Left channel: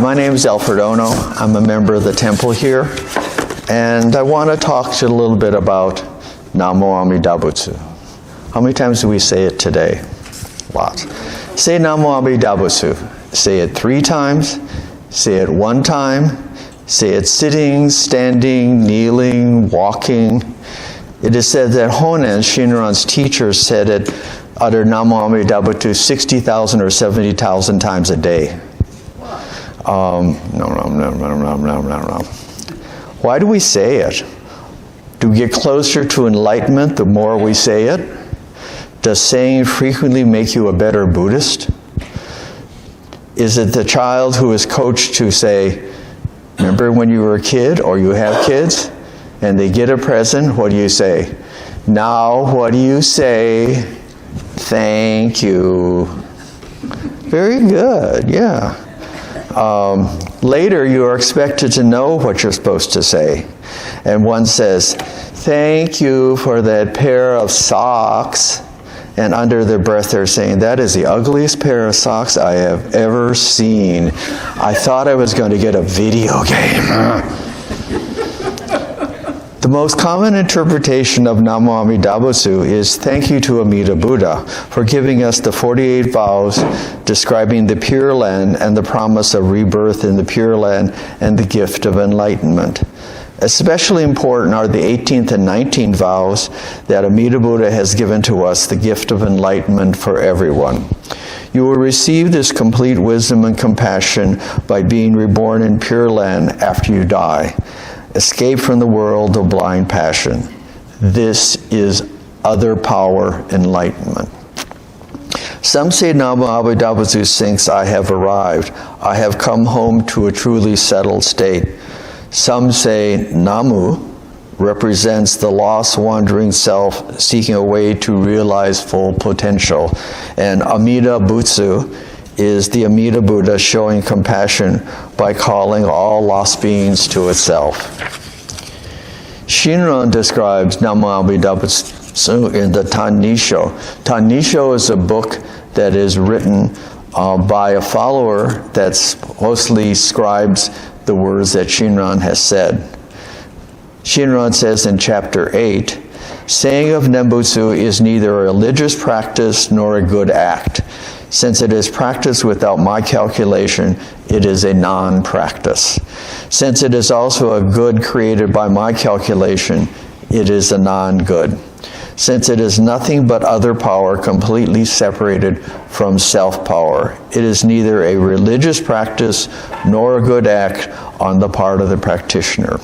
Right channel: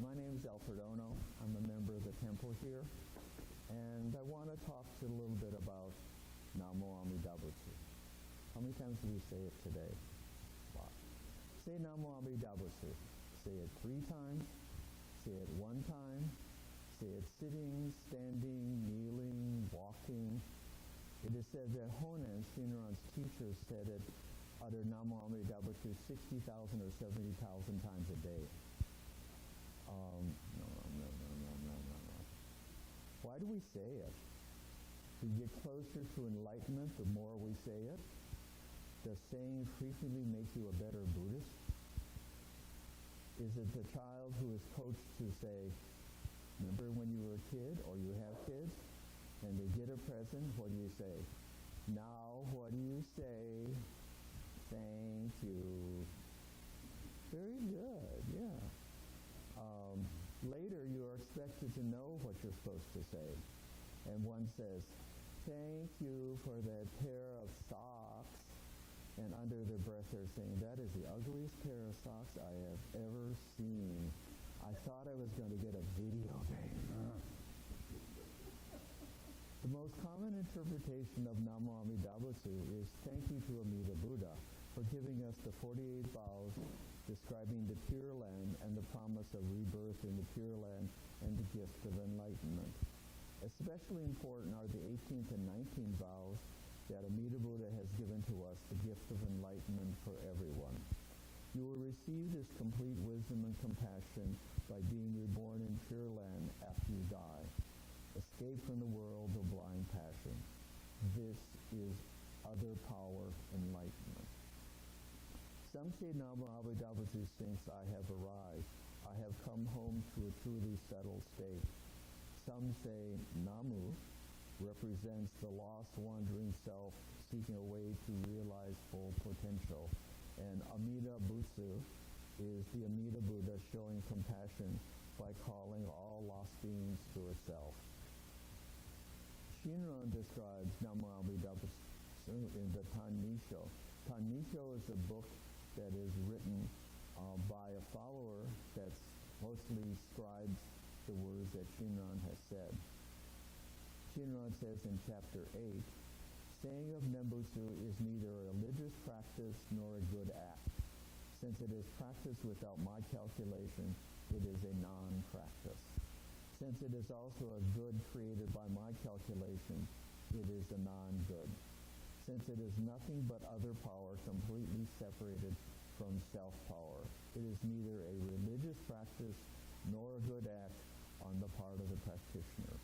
my name is Alfred. I'm a member of the temple here, and I want to talk to you a little bit about Namo Amida Butsu. How many times do we say it today? Lots. Say Namo Amida Butsu. Say it 3 times, say it 1 time, say it sitting, standing, kneeling, walking. It is said that Honen, Shinran's teacher, said it, uttered Namo Amida Butsu 60,000 or 70,000 times a day. Why do we say it? Do we get closer to enlightenment the more we say it? Does saying frequently make you a better Buddhist? Is it the child who is coached to say, remember when you were a kid or you have kids and they get a present, what do you say? Now what do you say? Thank you. Very good, yeah. Later, you are expected to know what you're supposed to say. And one says, thank you for that pair of socks. And under their breath, they're saying, that is the ugliest pair of socks I have ever seen. I thought I was going to get a video game. The most common interpretation of Namo Amida Butsu is thank you to Amida Buddha for giving us the 48 vows describing the Pure Land and the promise of rebirth in the Pure Land and the gift of enlightenment. Especially important are the 18th and 19th vows that Amida Buddha has given to us, the gift of enlightenment for everyone. You will receive this complete wisdom and compassion by being reborn in Pure Land after you die. Escape from the world of blind passion. This is other power enlightenment. Some say Namo Amida Butsu thinks I have arrived. I have come home to a truly settled state. Some say Namu represents the lost wandering self seeking a way to realize full potential. And Amida Butsu is the Amida Buddha showing compassion by calling all lost beings to itself. Shinran describes Namo Amida Butsu in the Tanisho. Tanisho is a book that is written by a follower that mostly scribes the words that Shinran has said. Shinran says in chapter 8, saying of Nenbutsu is neither a religious practice nor a good act. Since it is practiced without my calculation, it is a non-practice. Since it is also a good created by my calculation, it is a non-good. Since it is nothing but other power completely separated from self-power, it is neither a religious practice nor a good act on the part of the practitioner.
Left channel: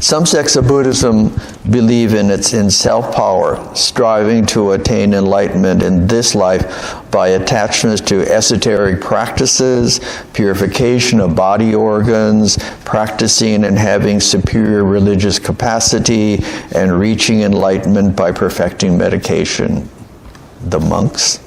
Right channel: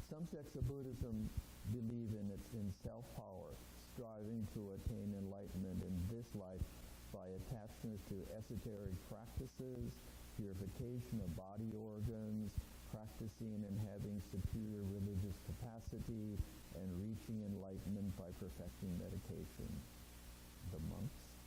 Some sects of Buddhism believe in self-power, striving to attain enlightenment in this life by attachments to esoteric practices, purification of body organs, practicing and having superior religious capacity, and reaching enlightenment by perfecting meditation. The monks.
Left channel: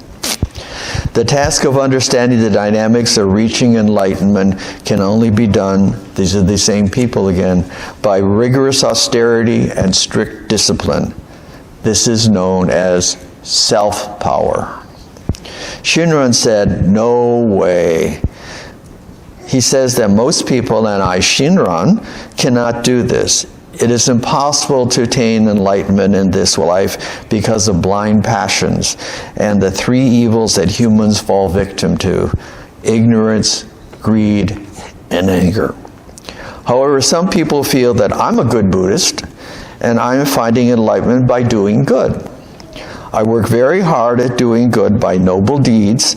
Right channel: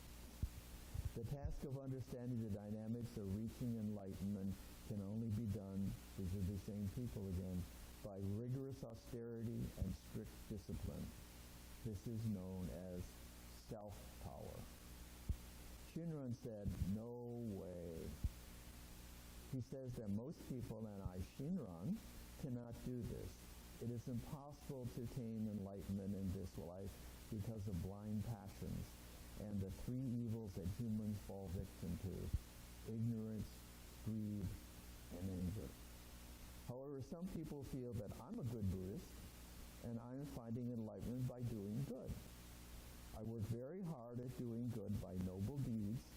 The task of understanding the dynamics of reaching enlightenment can only be done, these are the same people again, by rigorous austerity and strict discipline. This is known as self-power. Shinran said, no way. He says that most people, and I, Shinran, cannot do this. It is impossible to attain enlightenment in this life because of blind passions and the 3 evils that humans fall victim to: ignorance, greed, and anger. However, some people feel that I'm a good Buddhist and I'm finding enlightenment by doing good. I work very hard at doing good by noble deeds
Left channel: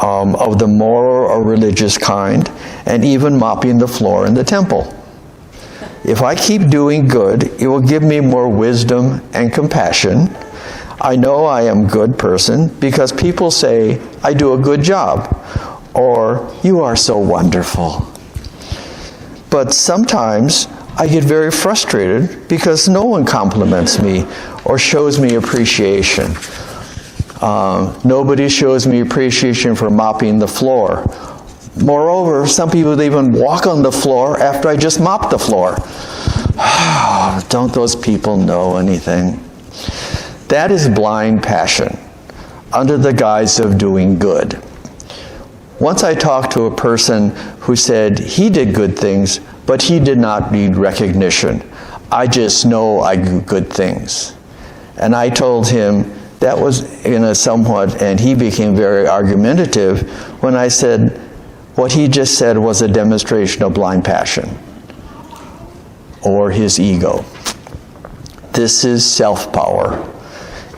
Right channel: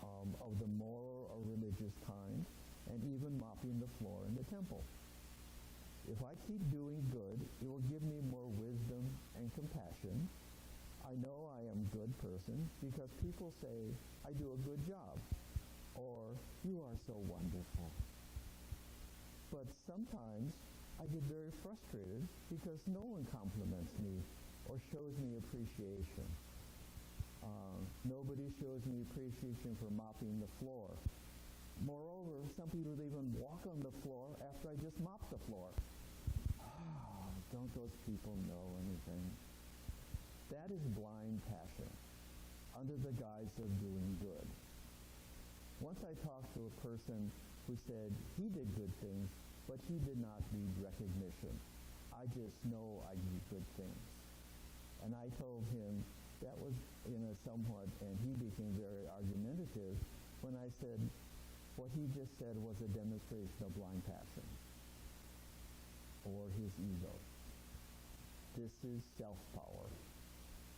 of the moral or religious kind, and even mopping the floor in the temple. If I keep doing good, it will give me more wisdom and compassion. I know I am a good person because people say I do a good job, or you are so wonderful. But sometimes I get very frustrated because no one compliments me or shows me appreciation. Nobody shows me appreciation for mopping the floor. Moreover, some people even walk on the floor after I just mopped the floor. Don't those people know anything? That is blind passion under the guise of doing good. Once I talked to a person who said he did good things, but he did not need recognition. I just know I do good things. And I told him that was in a somewhat, and he became very argumentative when I said what he just said was a demonstration of blind passion or his ego. This is self-power.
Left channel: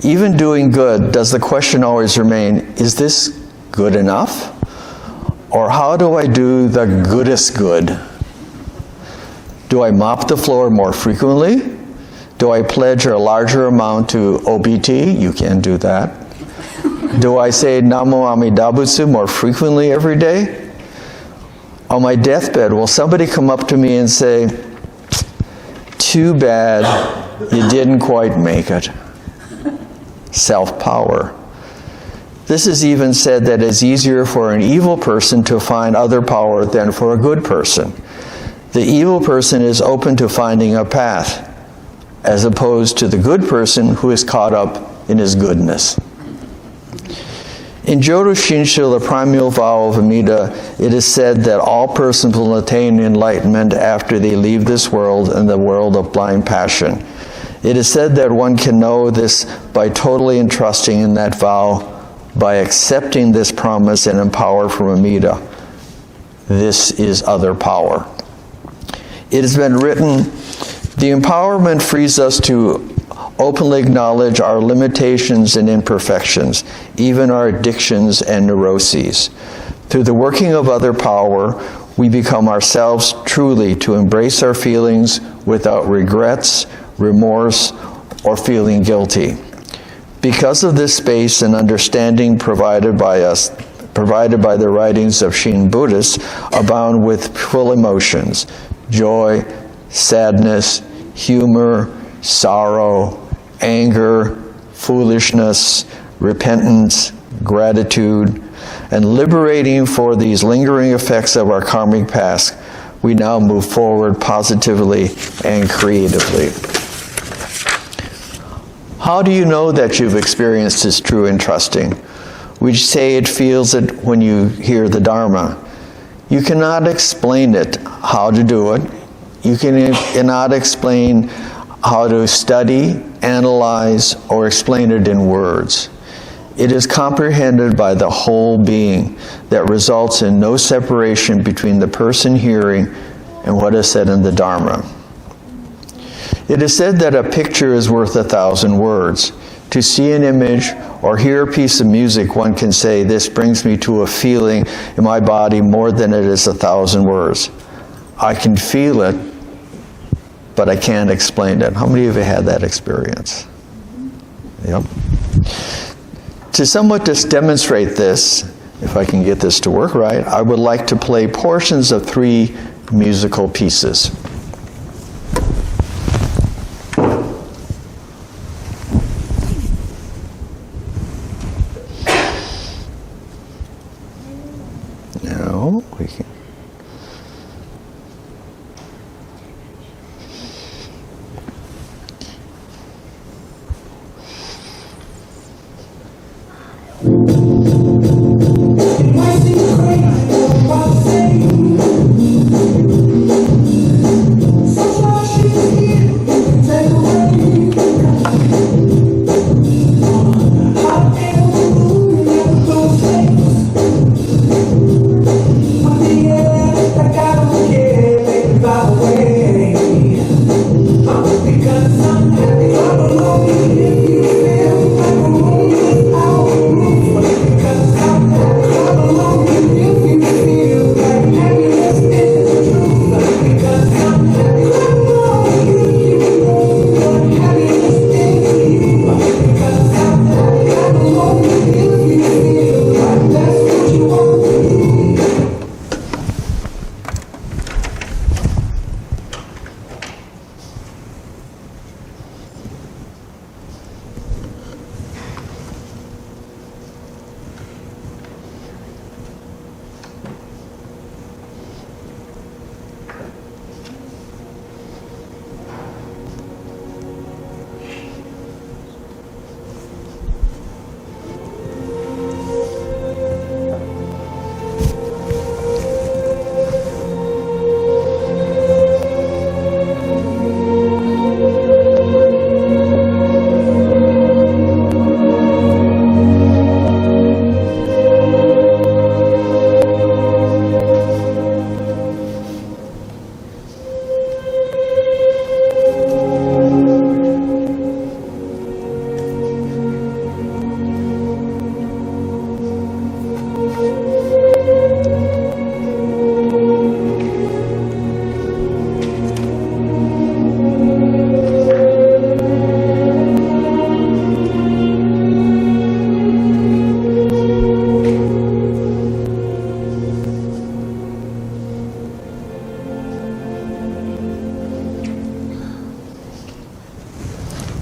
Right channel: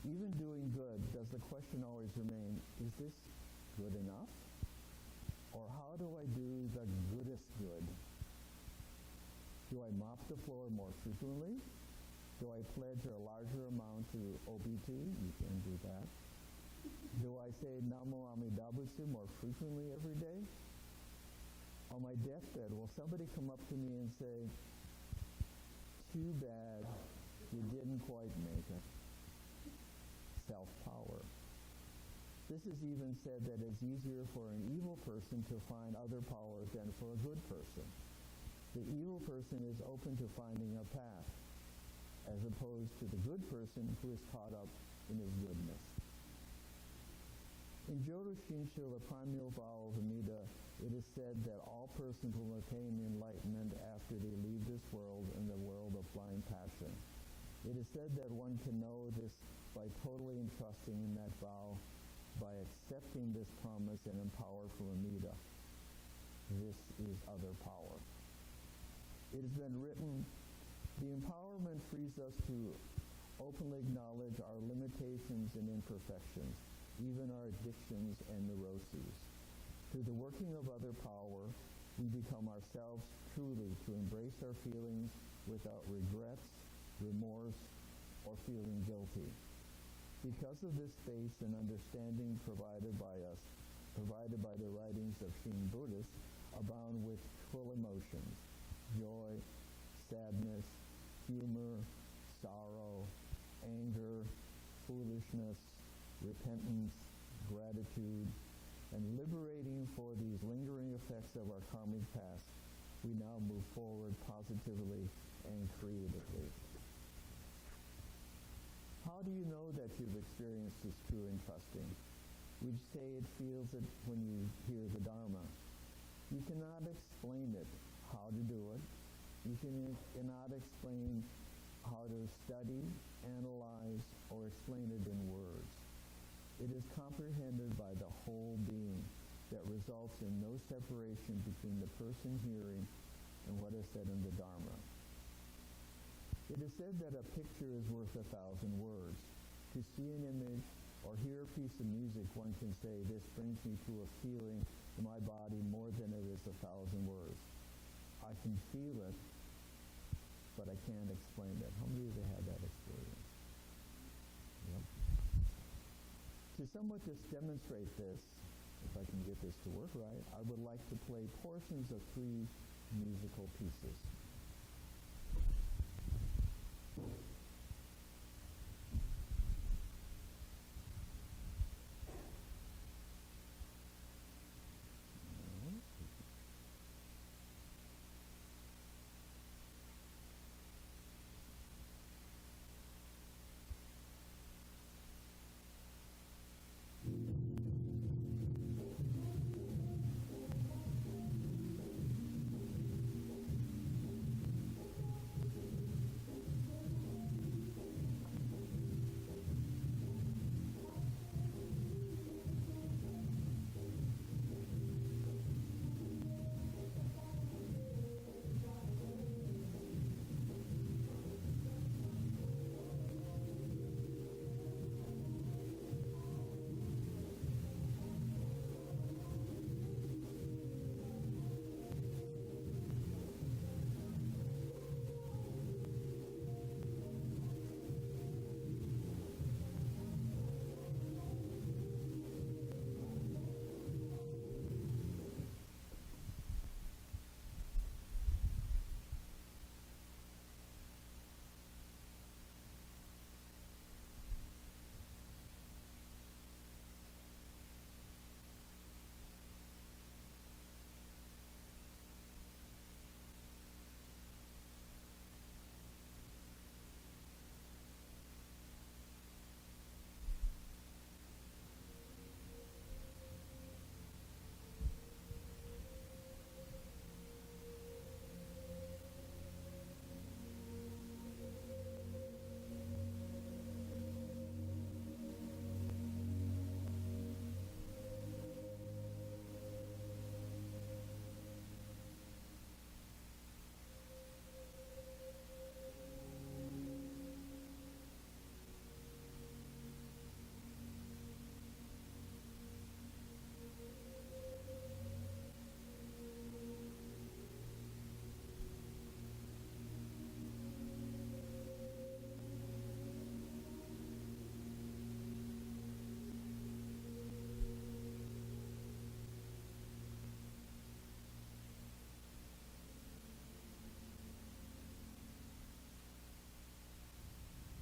Even doing good, does the question always remain, is this good enough? Or how do I do the goodest good? Do I mop the floor more frequently? Do I pledge a larger amount to OBT? You can't do that. Do I say Namo Amida Butsu more frequently every day? On my deathbed, will somebody come up to me and say, too bad you didn't quite make it? Self-power. This is even said that it's easier for an evil person to find other power than for a good person. The evil person is open to finding a path, as opposed to the good person who is caught up in his goodness. In Jodo Shinshu, the primeval vow of Amida, it is said that all persons will attain enlightenment after they leave this world and the world of blind passion. It is said that one can know this by totally entrusting in that vow, by accepting this promise and empower from Amida. This is other power. It has been written, the empowerment frees us to openly acknowledge our limitations and imperfections, even our addictions and neuroses. Through the working of other power, we become ourselves truly to embrace our feelings without regrets, remorse, or feeling guilty. Because of this space and understanding provided by the writings of Shin Buddhists, abound with full emotions, joy, sadness, humor, sorrow, anger, foolishness, repentance, gratitude, and liberating for these lingering effects of our karmic past, we now move forward positively and creatively. How do you know that you've experienced this true entrusting? We say it feels it when you hear the Dharma. You cannot explain it, how to do it. You cannot explain how to study, analyze, or explain it in words. It is comprehended by the whole being that results in no separation between the person hearing and what is said in the Dharma. It is said that a picture is worth 1,000 words. To see an image or hear a piece of music, one can say, this brings me to a feeling in my body more than it is 1,000 words. I can feel it, but I can't explain it. How many of you had that experience? Yep. To somewhat just demonstrate this, if I can get this to work right, I would like to play portions of 3 musical pieces. Now we can.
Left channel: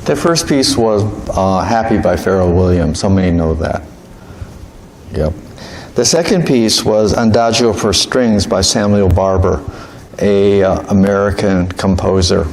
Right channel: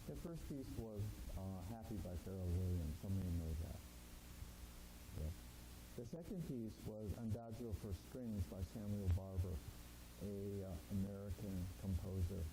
The first piece was Happy by Pharrell Williams. So many know that. Yep. The second piece was Adagio for Strings by Samuel Barber, a American composer.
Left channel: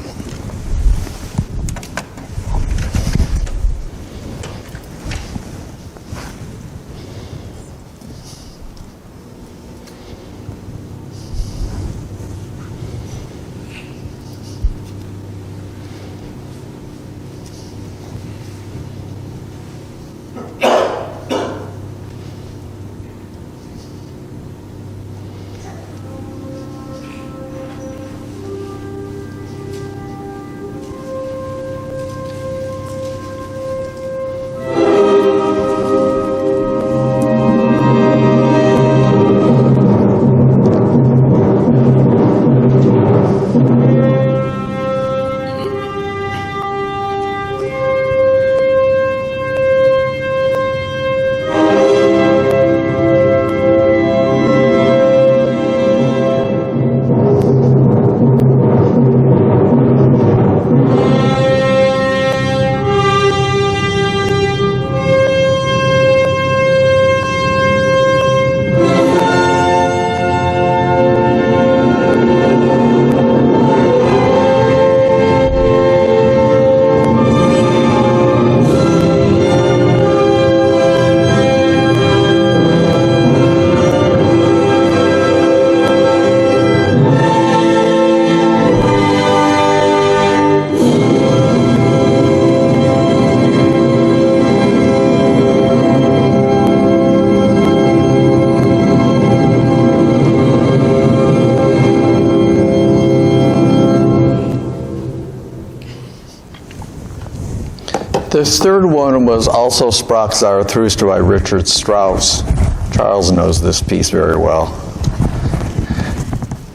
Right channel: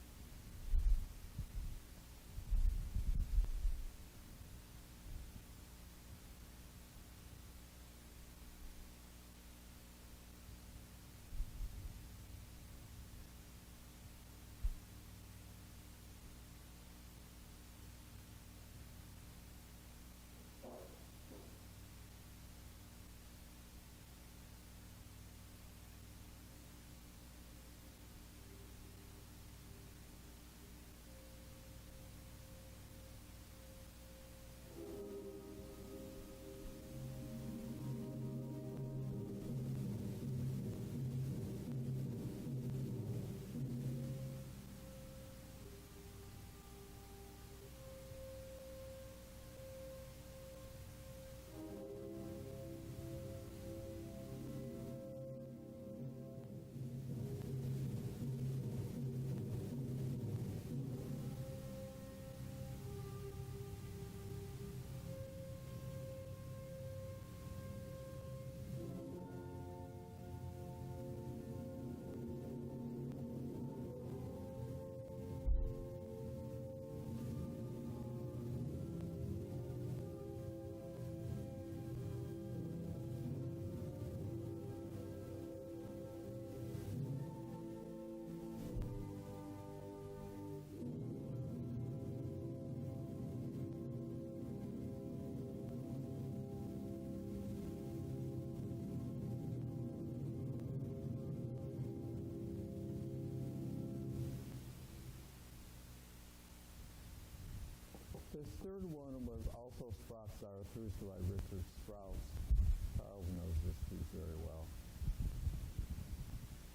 This third one was also Sprach Zarathustra by Richard Strauss. Charles knows this piece very well.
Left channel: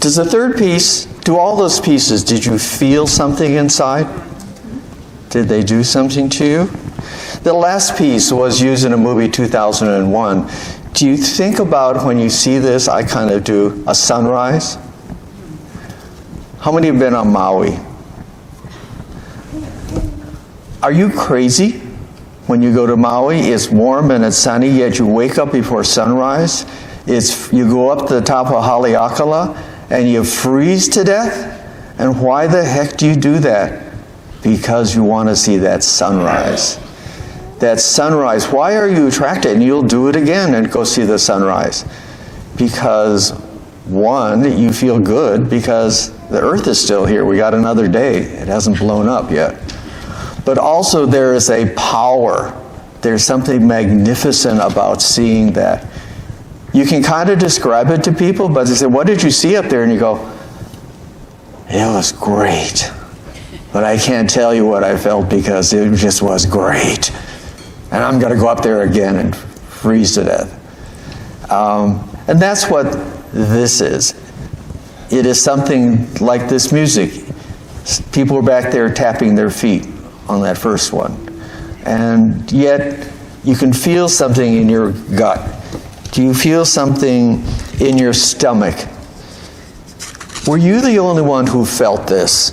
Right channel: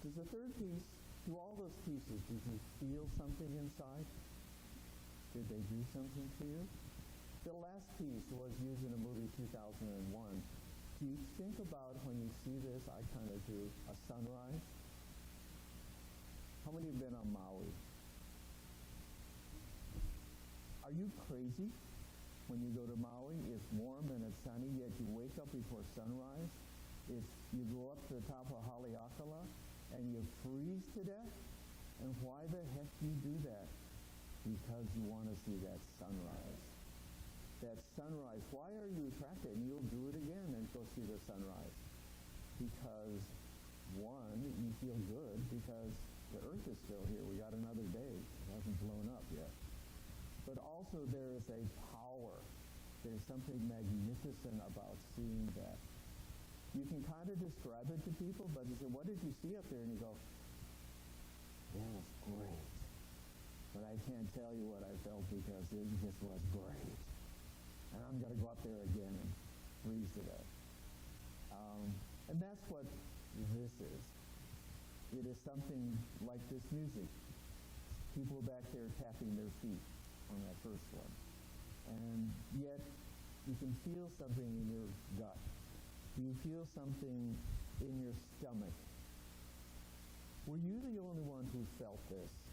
Does the third piece, do all those pieces, did you feel something inside? Did they do something to you? The last piece was used in a movie 2001. Do you think about when you see this, I kind of do, a sunrise? How many have been on Maui? Are you crazy when you go to Maui? It's warm and it's sunny, yet you wake up before sunrise. You go up to the top of Haleakala and you freeze to death? And why the heck do you do that? Because you want to see that sunrise. That sunrise, why are you attracted? And you'll do it again and go see the sunrise. Because, one, you feel good because the earth is still here. We got another day. It hasn't blown up yet. But also there is a power. There's something magnificent about seeing that. You can kind of describe it to people, but they say, what did you see up there? And you go, it was great. But I can't tell you what I felt because it just was great. And I'm going to go up there again and freeze to death. And that's what this is. It is something like this music. People are back there tapping their feet on that first one. And yet, you can feel something in your gut. Do you feel something in your stomach? Were you the only one who felt this?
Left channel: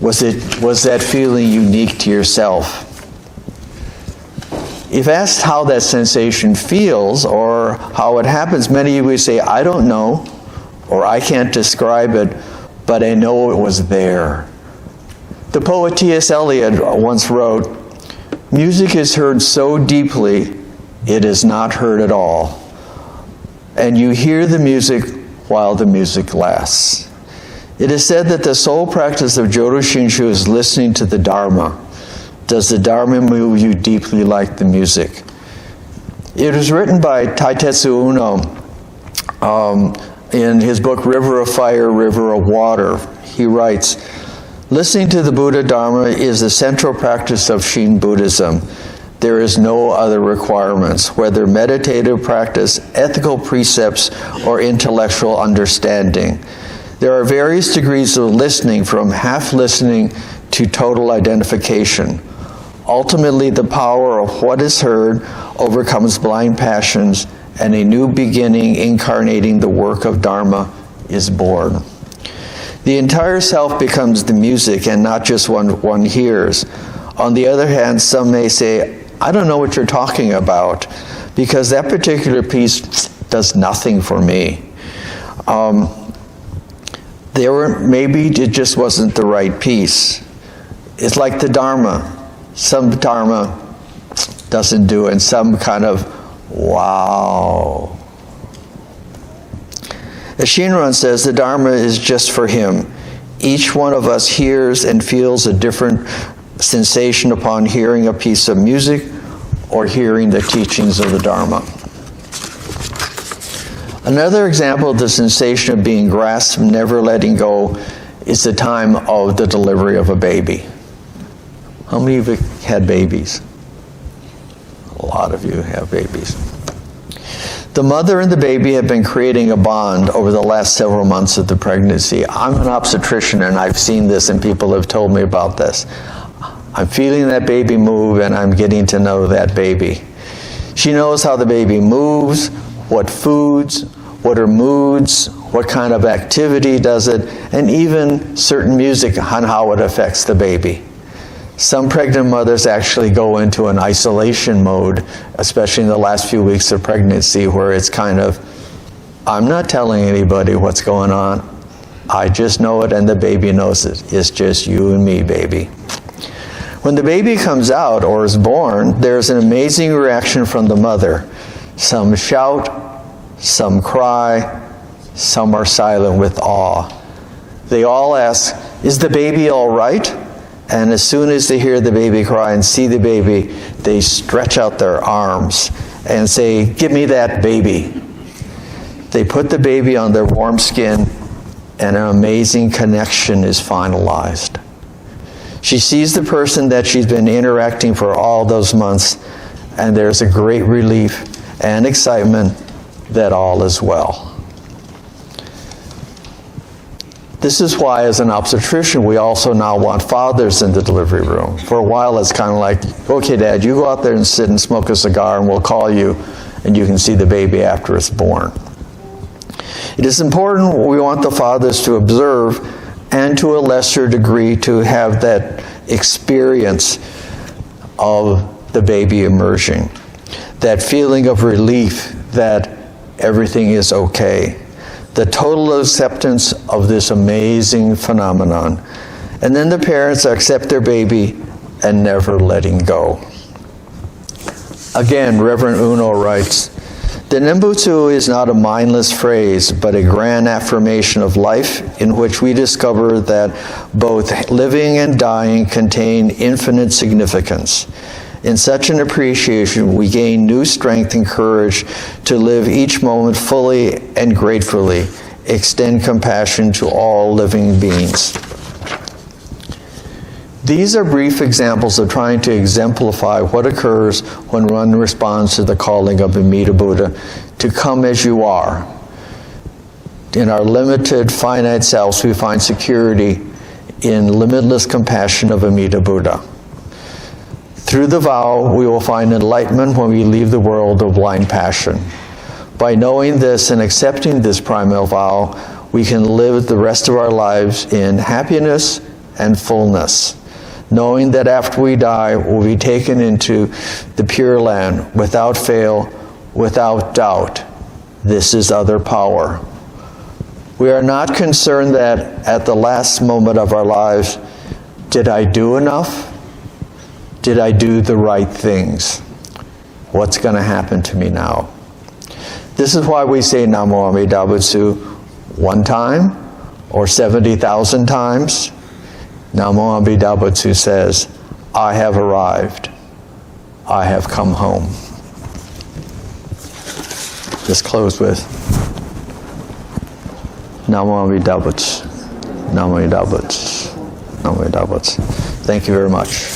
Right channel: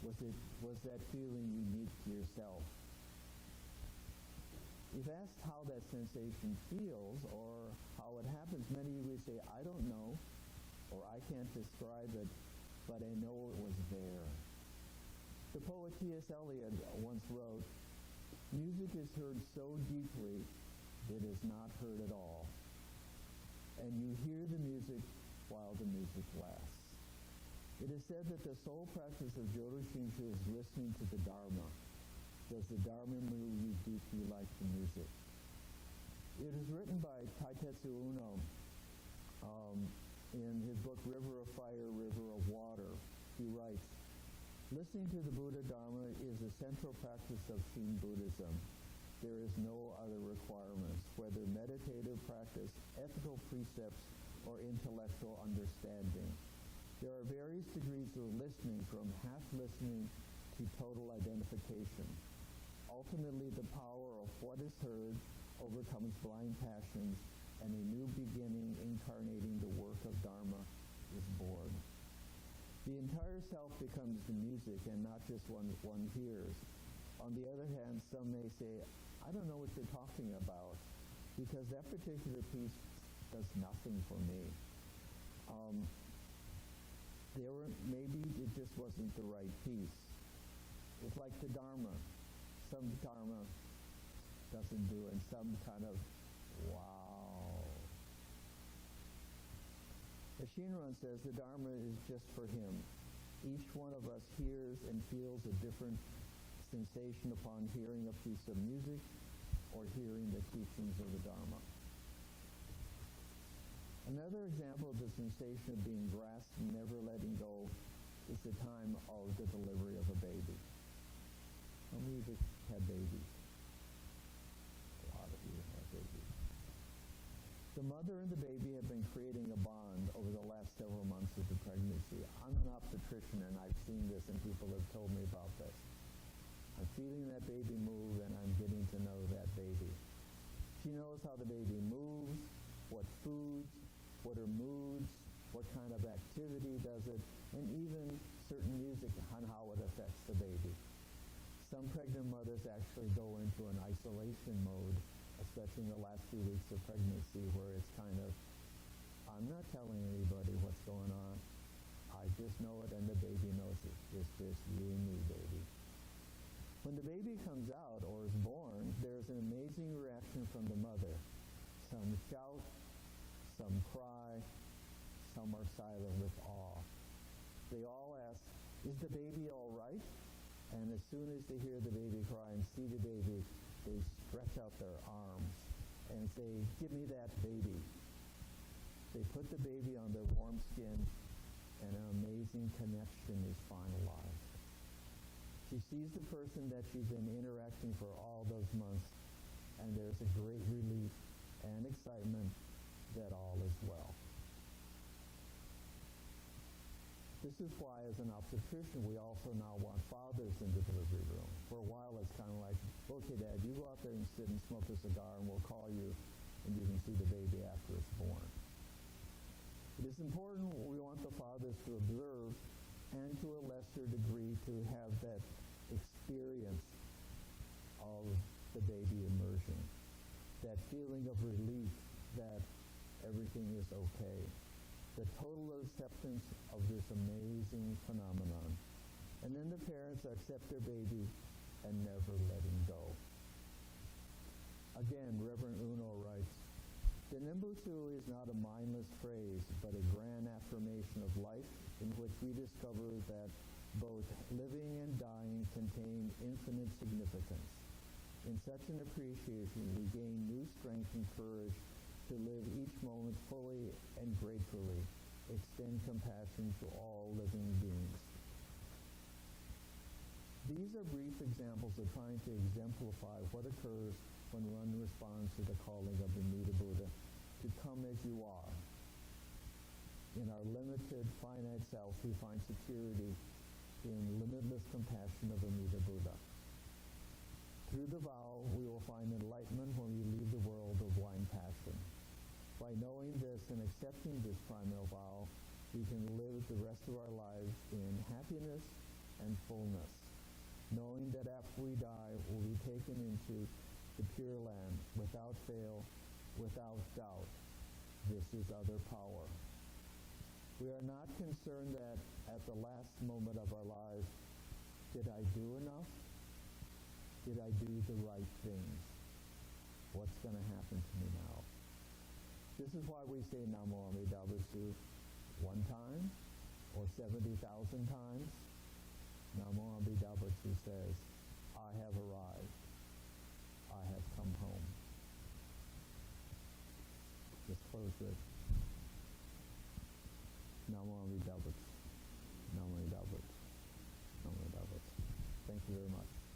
Was that feeling unique to yourself? If asked how that sensation feels or how it happens, many of you say, I don't know, or I can't describe it, but I know it was there. The poet T.S. Eliot once wrote, music is heard so deeply, it is not heard at all. And you hear the music while the music lasts. It is said that the sole practice of Jodo Shinshu is listening to the Dharma. Does the Dharma move you deeply like the music? It was written by Taitetsu Uno in his book, River of Fire, River of Water. He writes, listening to the Buddha Dharma is the central practice of Shin Buddhism. There is no other requirements, whether meditative practice, ethical precepts, or intellectual understanding. There are various degrees of listening, from half listening to total identification. Ultimately, the power of what is heard overcomes blind passions, and a new beginning incarnating the work of Dharma is born. The entire self becomes the music and not just one hears. On the other hand, some may say, I don't know what you're talking about because that particular piece does nothing for me. Maybe it just wasn't the right piece. It's like the Dharma. Some Dharma doesn't do it, and some kind of, wow. As Shinran says, the Dharma is just for him. Each one of us hears and feels a different sensation upon hearing a piece of music or hearing the teachings of the Dharma. Another example of the sensation of being grasped, never letting go, is the time of the delivery of a baby. How many of you had babies? A lot of you have babies. The mother and the baby have been creating a bond over the last several months of the pregnancy. I'm an obstetrician and I've seen this and people have told me about this. I'm feeling that baby move and I'm getting to know that baby. She knows how the baby moves, what foods, what are moods, what kind of activity does it, and even certain music on how it affects the baby. Some pregnant mothers actually go into an isolation mode, especially in the last few weeks of pregnancy, where it's kind of, I'm not telling anybody what's going on. I just know it and the baby knows it. It's just you and me, baby. When the baby comes out or is born, there's an amazing reaction from the mother. Some shout, some cry, some are silent with awe. They all ask, is the baby all right? And as soon as they hear the baby cry and see the baby, they stretch out their arms and say, give me that baby. They put the baby on their warm skin and an amazing connection is finalized. She sees the person that she's been interacting for all those months, and there's a great relief and excitement that all is well. This is why, as an obstetrician, we also now want fathers in the delivery room. For a while, it's kind of like, okay, Dad, you go out there and sit and smoke a cigar, and we'll call you, and you can see the baby after it's born. It is important, we want the fathers to observe, and to a lesser degree, to have that experience of the baby emerging. That feeling of relief that everything is okay. The total acceptance of this amazing phenomenon. And then the parents accept their baby and never letting go. Again, Reverend Uno writes, the Nenbutsu is not a mindless phrase, but a grand affirmation of life in which we discover that both living and dying contain infinite significance. In such an appreciation, we gain new strength and courage to live each moment fully and gratefully, extend compassion to all living beings. These are brief examples of trying to exemplify what occurs when one responds to the calling of Amida Buddha to come as you are. In our limited, finite selves, we find security in limitless compassion of Amida Buddha. Through the vow, we will find enlightenment when we leave the world of blind passion. By knowing this and accepting this primal vow, we can live the rest of our lives in happiness and fullness, knowing that after we die, we'll be taken into the Pure Land without fail, without doubt. This is other power. We are not concerned that at the last moment of our lives, did I do enough? Did I do the right things? What's going to happen to me now? This is why we say Namo Amida Butsu one time or 70,000 times. Namo Amida Butsu says, I have arrived. I have come home. Just close with Namo Amida Butsu. Namo Amida Butsu. Namo Amida Butsu. Thank you very much.